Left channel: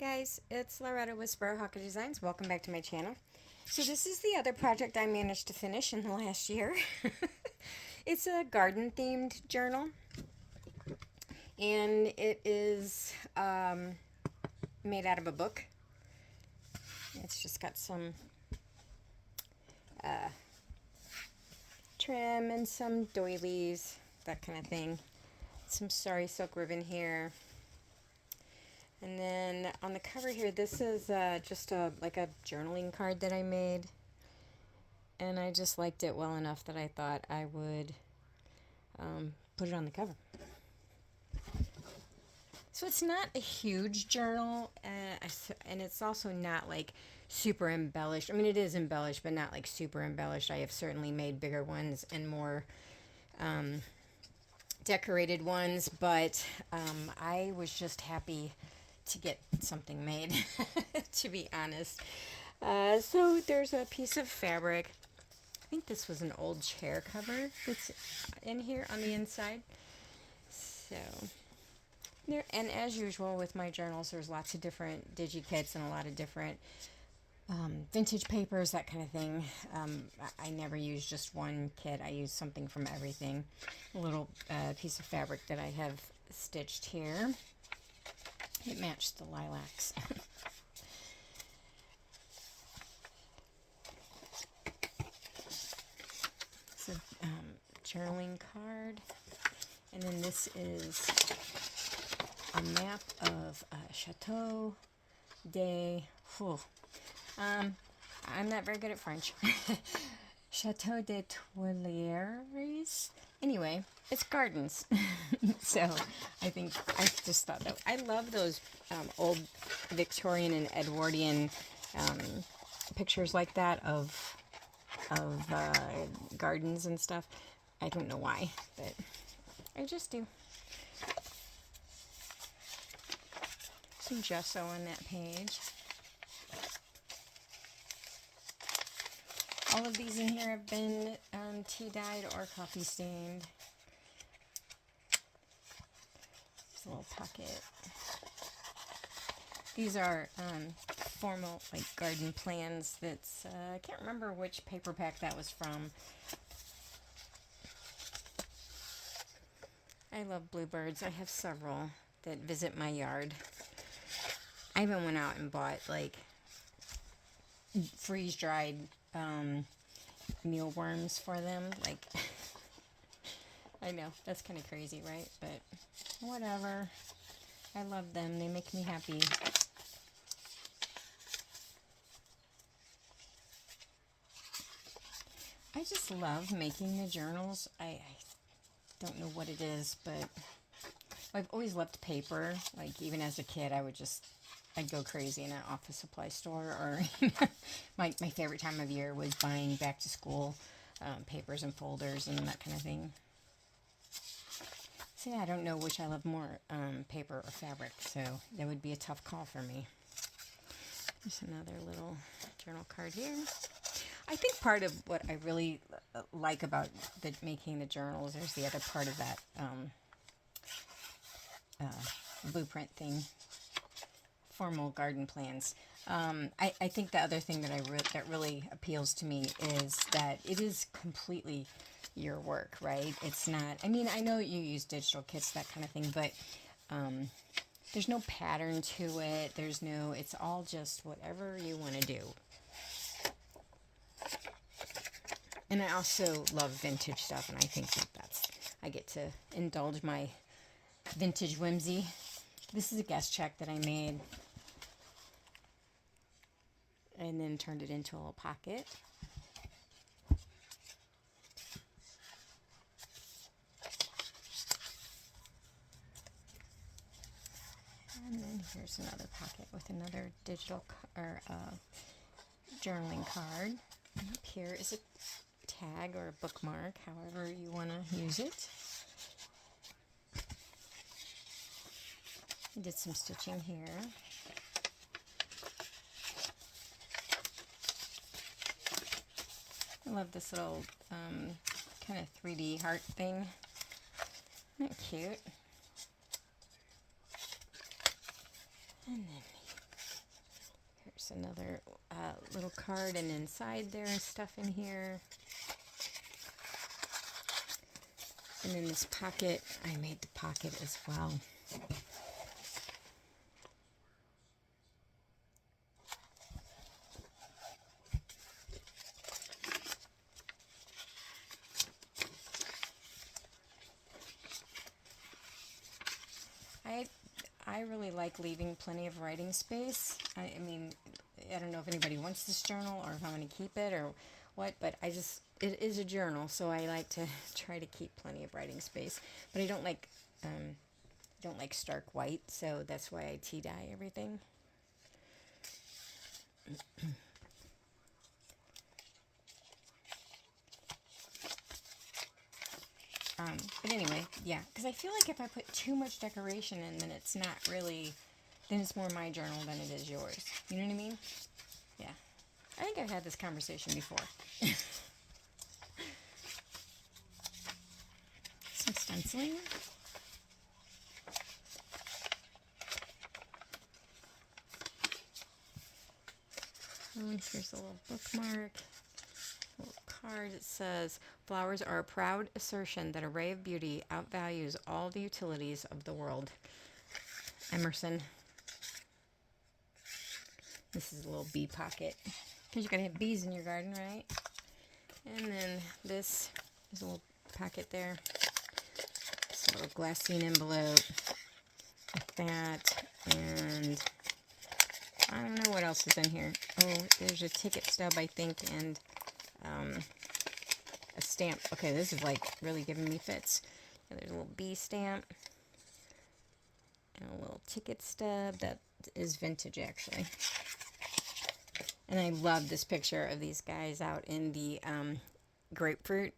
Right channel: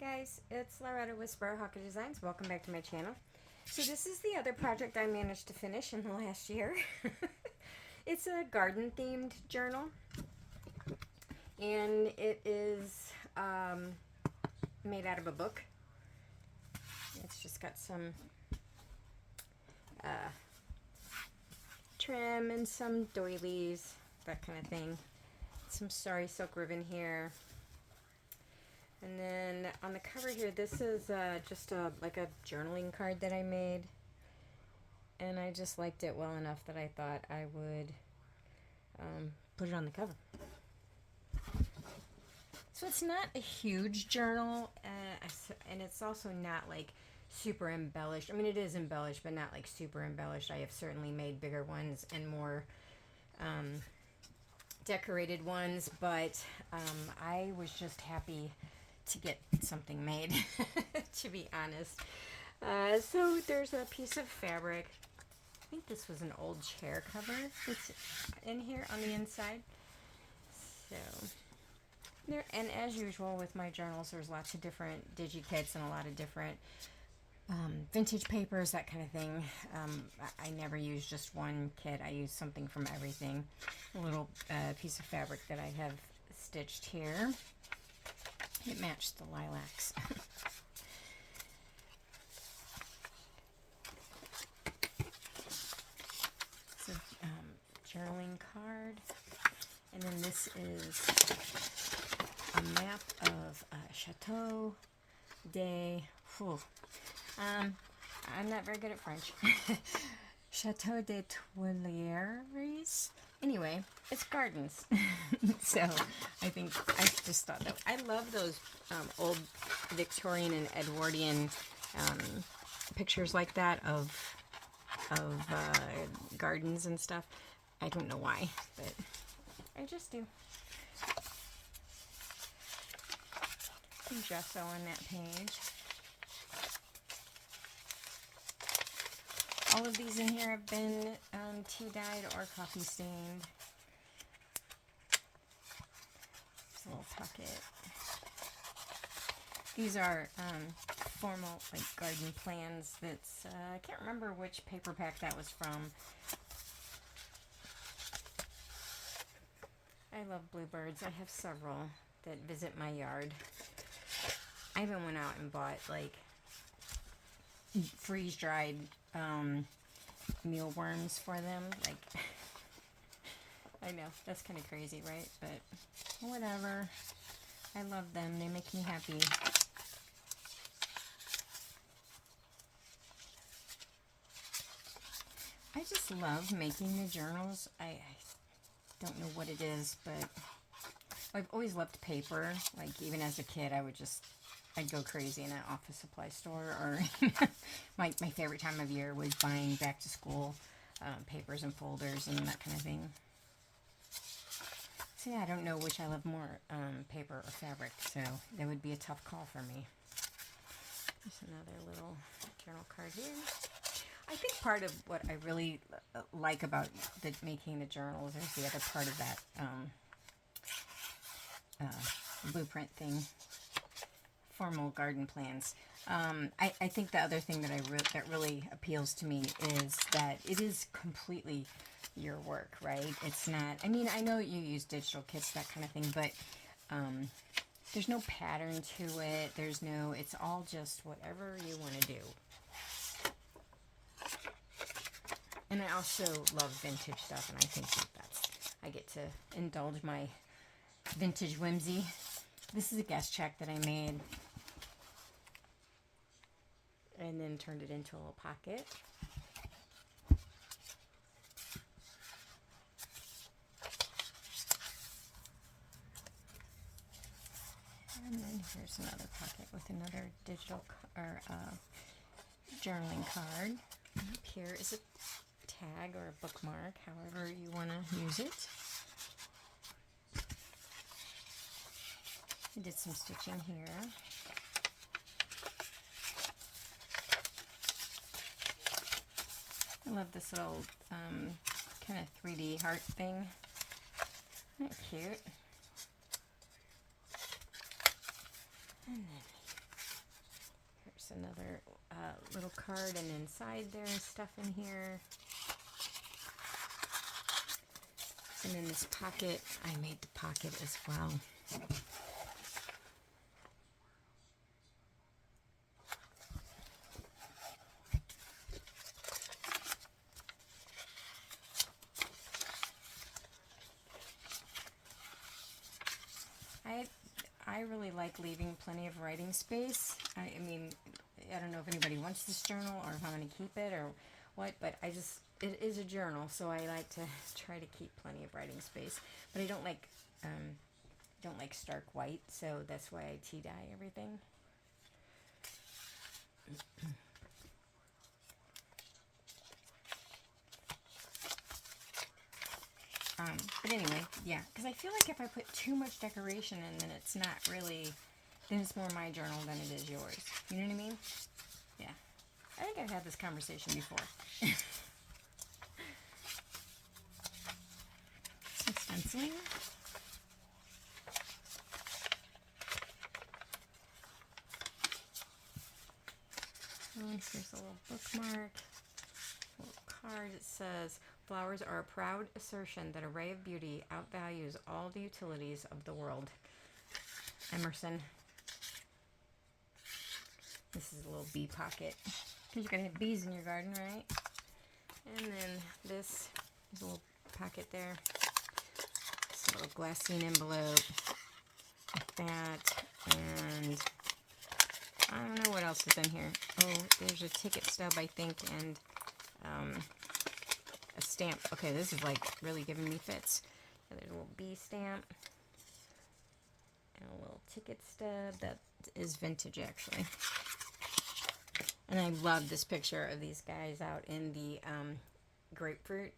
Hi guys, it's Loretta with Vectoria Designs. Welcome back to my channel. So this is the other project I managed to finish in the last year. It's a garden themed journal, and it is made out of a book. It's just got some trim and some doilies, that kind of thing. Some sari silk ribbon here. And then on the cover here, this is just like a journaling card that I made. And I just liked it well enough that I thought I would put it on the cover. So it's not a huge journal, and it's also not like super embellished. I mean, it is embellished, but not like super embellished. I have certainly made bigger ones and more decorated ones, but I was just happy to get something made, to be honest. So there's a piece of fabric. I think this was an old chair cover that's in here on the inside. So there, and as usual with my journals, there's lots of different digi-kits and a lot of different vintage papers, that kind of thing. I never use just one kit. I use something from everything. A little piece of fabric that I have stitched here. It matched the lilacs. It's a journaling card. And then this is a map of Chateau de... I'm not very good at French. Chateau de Tuileries. Anyway, it's gardens. So I just thought that I love those old Victorian and Edwardian pictures like that of gardens and stuff. I don't know why, but I just do. Some gesso on that page. All of these in here have been tea dyed or coffee stained. This little pocket. These are formal like garden plans. That's I can't remember which paper pack that was from. I love bluebirds. I have several that visit my yard. I even went out and bought like freeze-dried mealworms for them. Like, I know, that's kind of crazy, right? But whatever. I love them. They make me happy. I just love making the journals. I don't know what it is, but I've always loved paper. Like, even as a kid, I'd go crazy in an office supply store, or my favorite time of year was buying back to school papers and folders and that kind of thing. So yeah, I don't know which I love more, paper or fabric, so that would be a tough call for me. There's another little journal card here. I think part of what I really like about making the journals is the other part of that blueprint thing. Formal garden plans. I think the other thing that really appeals to me is that it is completely your work, right? It's not, I mean, I know you use digital kits, that kind of thing, but there's no pattern to it. It's all just whatever you want to do. And I also love vintage stuff, and I think I get to indulge my vintage whimsy. This is a guest check that I made and then turned it into a little pocket. And then here's another pocket with another digital or journaling card. And up here is a tag or a bookmark, however you want to use it. I did some stitching here. I love this little kind of 3D heart thing. Isn't that cute? And then There's another little card, and inside there is stuff in here. And in this pocket, I made the pocket as well. I really like leaving plenty of writing space. I mean, I don't know if anybody wants this journal or if I'm going to keep it or what, but it is a journal, so I like to try to keep plenty of writing space. But I don't like stark white, so that's why I tea dye everything. But anyway, yeah, because I feel like if I put too much decoration in, then it's not really, then it's more my journal than it is yours. You know what I mean? Yeah. I think I've had this conversation before. Some stenciling. And here's a little bookmark. Little card. It says, flowers are a proud assertion that a ray of beauty outvalues all the utilities of the world. Emerson. This is a little bee pocket. Because you're going to have bees in your garden, right? And then this is a little pocket there. This little glassine envelope. Like that. And I don't know what else is in here. Oh, there's a ticket stub, I think, and a stamp. Okay, this is like really giving me fits. And there's a little bee stamp. And a little ticket stub that is vintage, actually. And I love this picture of these guys out in the grapefruit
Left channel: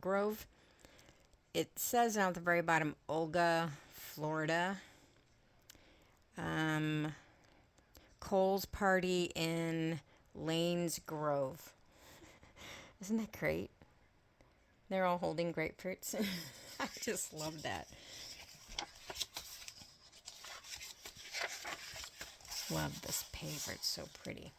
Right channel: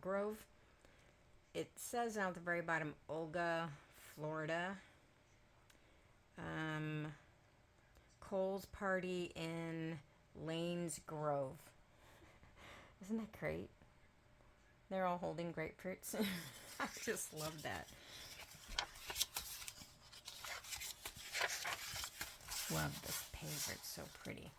grove. It says down at the very bottom, Olga, Florida. Cole's party in Lane's Grove. Isn't that great? They're all holding grapefruits. I just love that. Love this paper. It's so pretty.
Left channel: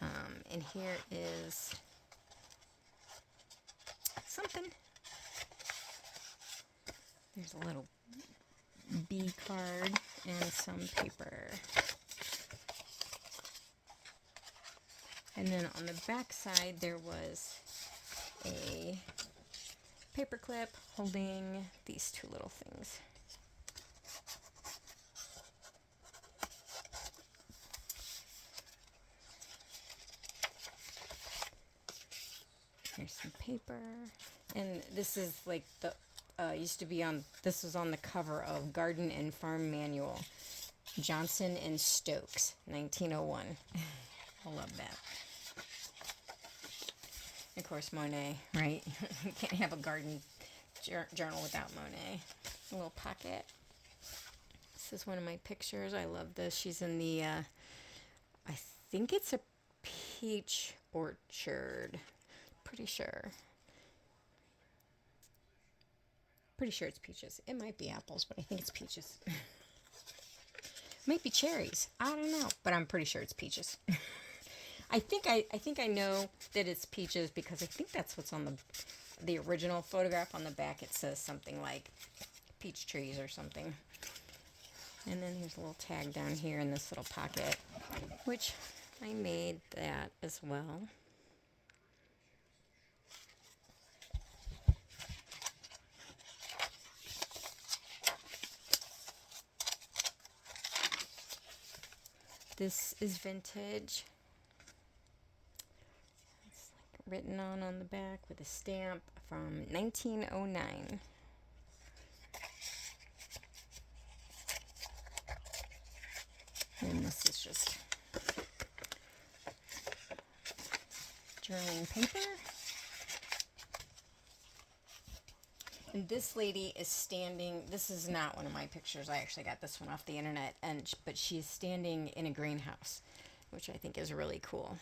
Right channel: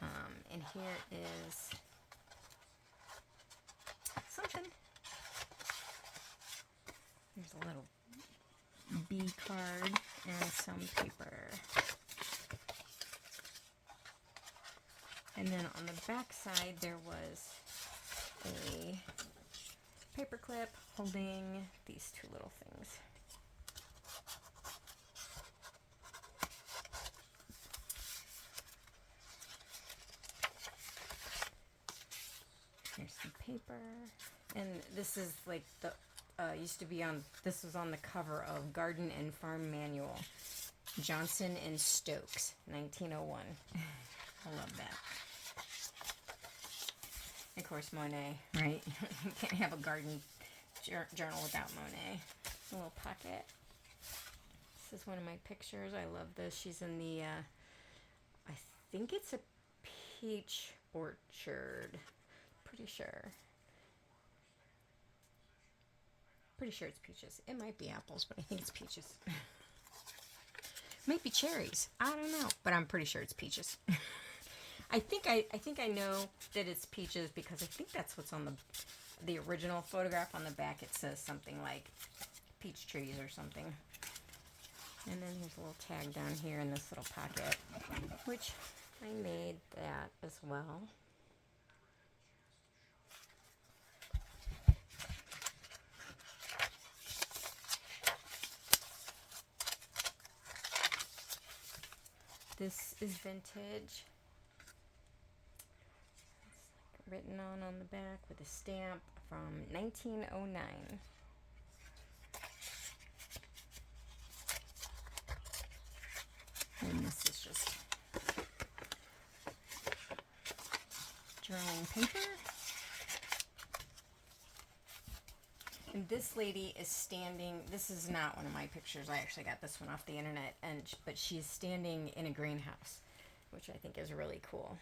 And here is something. There's a little bee card and some paper. And then on the back side, there was a paper clip holding these two little things. Here's some paper. And this is like the, used to be on, this was on the cover of Garden and Farm Manual. Johnson and Stokes, 1901. I love that. Of course, Monet, right? You can't have a garden journal without Monet. A little pocket. This is one of my pictures. I love this. She's in the, I think it's a peach orchard. Pretty sure. Pretty sure it's peaches. It might be apples, but I think it's peaches. Might be cherries. I don't know, but I'm pretty sure it's peaches. I think I know that it's peaches because I think that's what's on the original photograph. On the back it says something like peach trees or something. And then there's a little tag down here in this little pocket, which I made that as well. This is vintage. It's like written on the back with a stamp from 1909. And this is just journaling paper. And this lady is standing, this is not one of my pictures, I actually got this one off the internet, but she's standing in a greenhouse, which I think is really cool.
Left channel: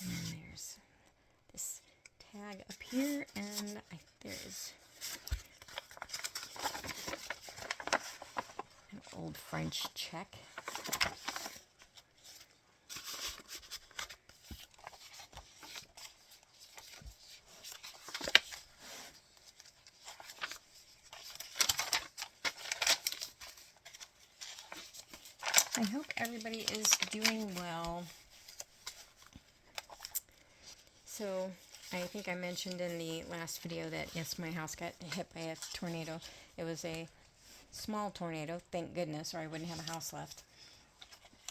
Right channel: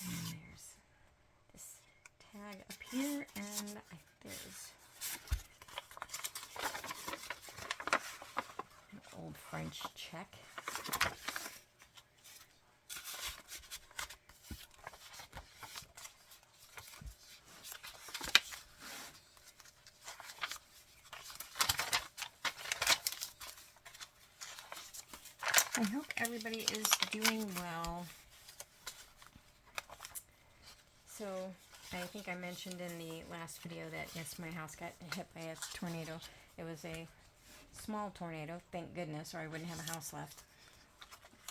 And there's this tag up here, and there's French check. I hope everybody is doing well. So, I think I mentioned in the last video that, yes, my house got hit by a tornado. It was a small tornado, thank goodness, or I wouldn't have a house left.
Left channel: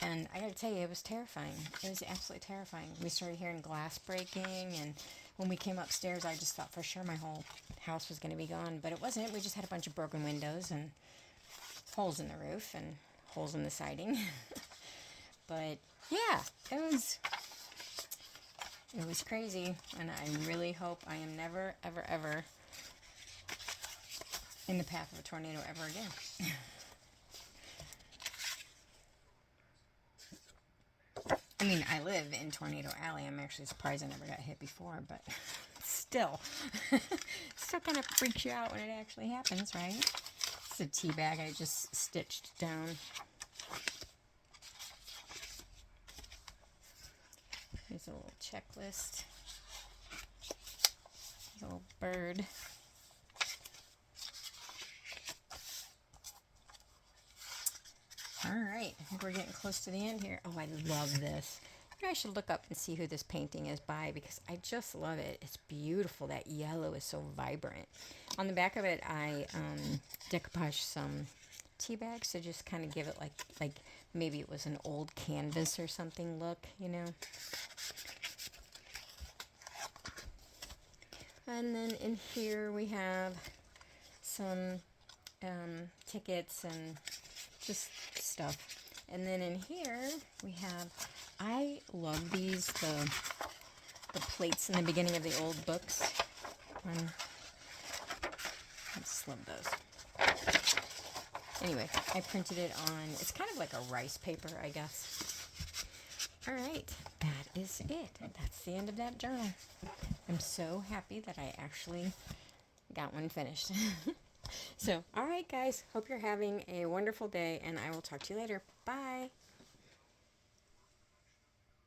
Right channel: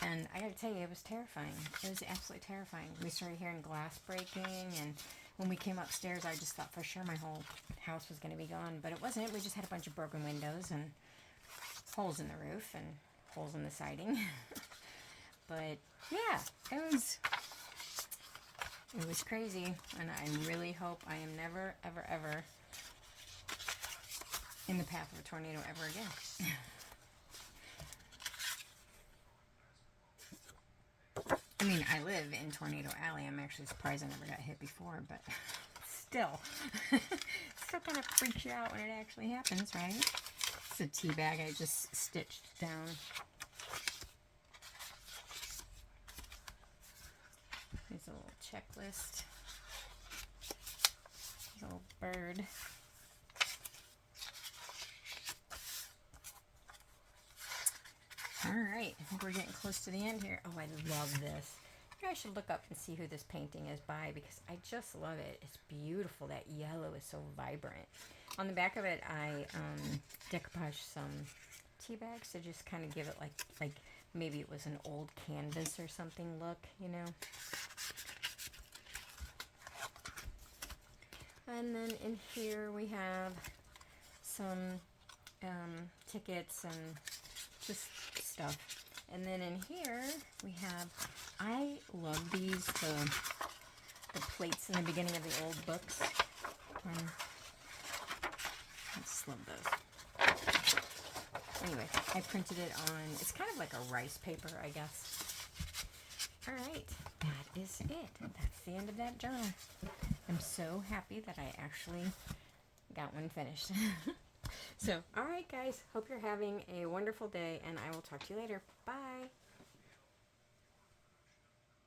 And I gotta tell you, it was terrifying. It was absolutely terrifying. We started hearing glass breaking, and when we came upstairs, I just thought for sure my whole house was gonna be gone. But it wasn't. We just had a bunch of broken windows and holes in the roof and holes in the siding. But yeah, it was crazy, and I really hope I am never, ever, ever in the path of a tornado ever again. I mean, I live in Tornado Alley. I'm actually surprised I never got hit before, but still. Still kind of freaks you out when it actually happens, right? It's a tea bag I just stitched down. Here's a little checklist. Here's a little bird. Alright, I think we're getting close to the end here. Oh, I love this. Maybe I should look up and see who this painting is by, because I just love it. It's beautiful. That yellow is so vibrant. On the back of it, I decoupaged some tea bags to just kind of give it like maybe it was an old canvas or something look, you know. And then in here we have some tickets and just stuff. And then in here we have, I love these, the plates in the beginning of the old books. I just love those. Anyway, I printed it on, it's kind of like a rice paper, I guess. Alright, that is it. That's the end of that journal. I'm so happy that I actually got one finished. So, alright guys, hope you're having a wonderful day, and I will talk to you later. Bye!